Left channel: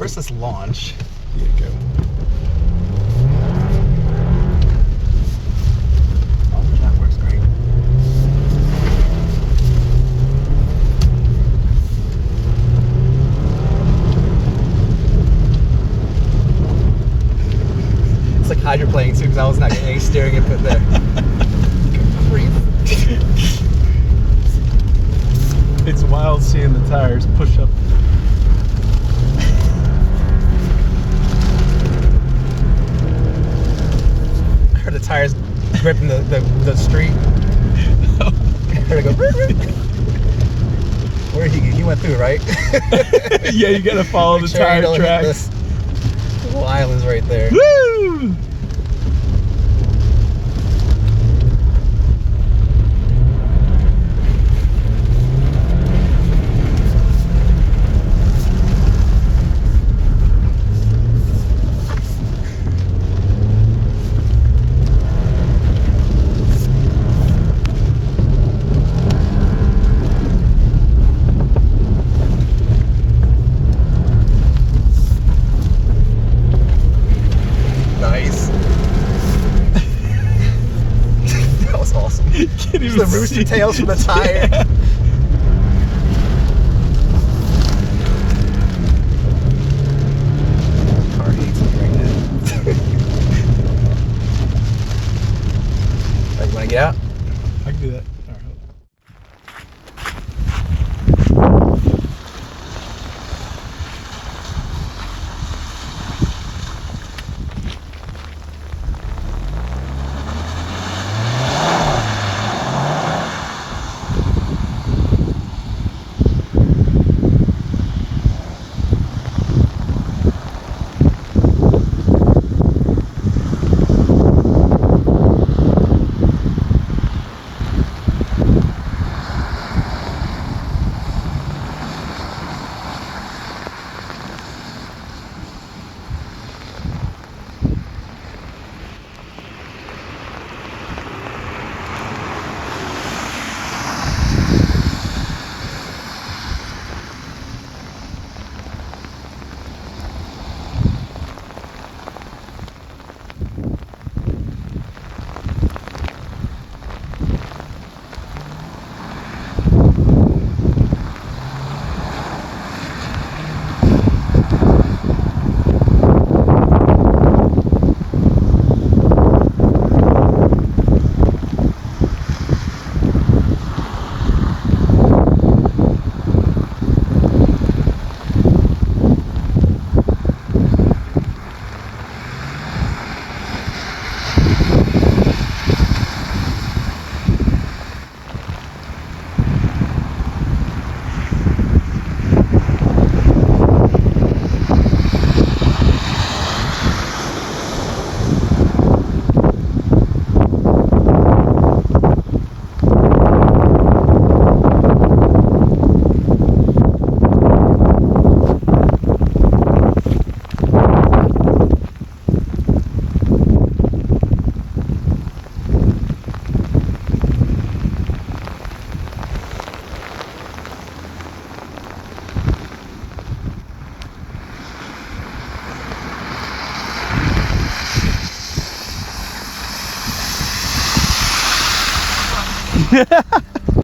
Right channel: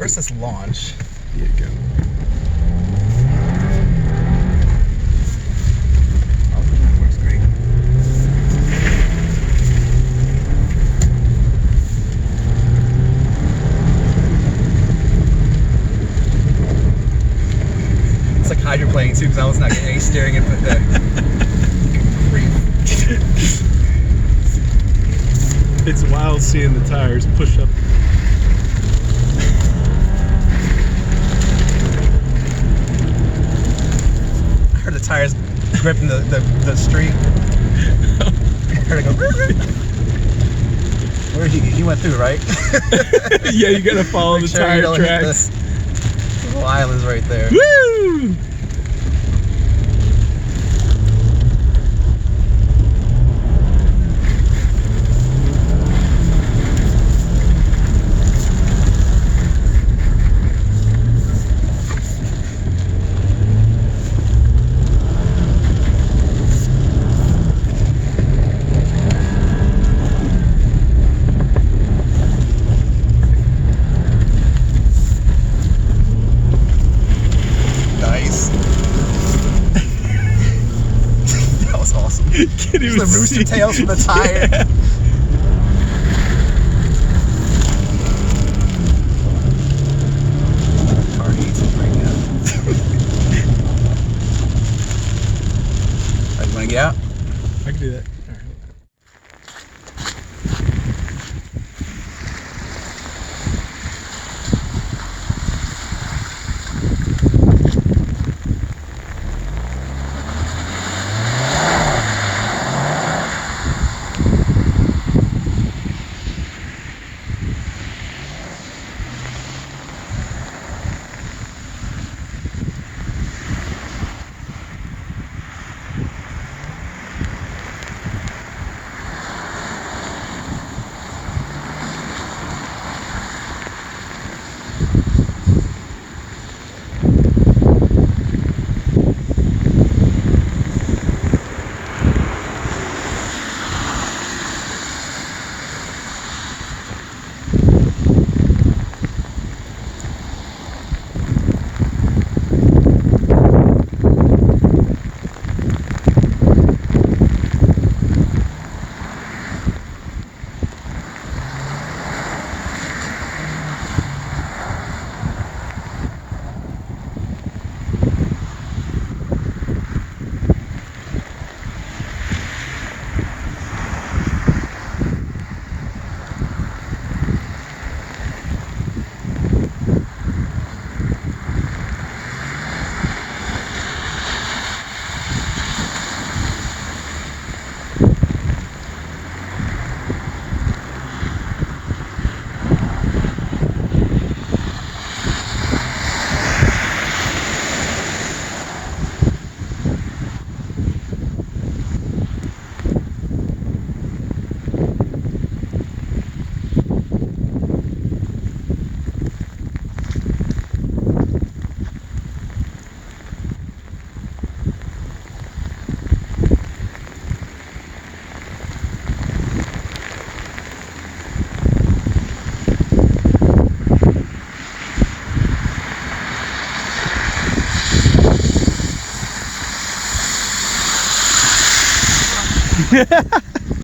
First, let's launch. Here you go. Oh, that works great. It's like hydroplaning too, because I was not getting any steering input there. It's wild seeing the tires push up. I heard the tires gripping the street. I heard it go. Where did he went through, right? Yeah, you gotta follow the tire tracks. The little island's right there. Woo! The rooster tails from the tire. Yeah. Car hates it right now. Are you gonna get out? I can do that. All right, hold on.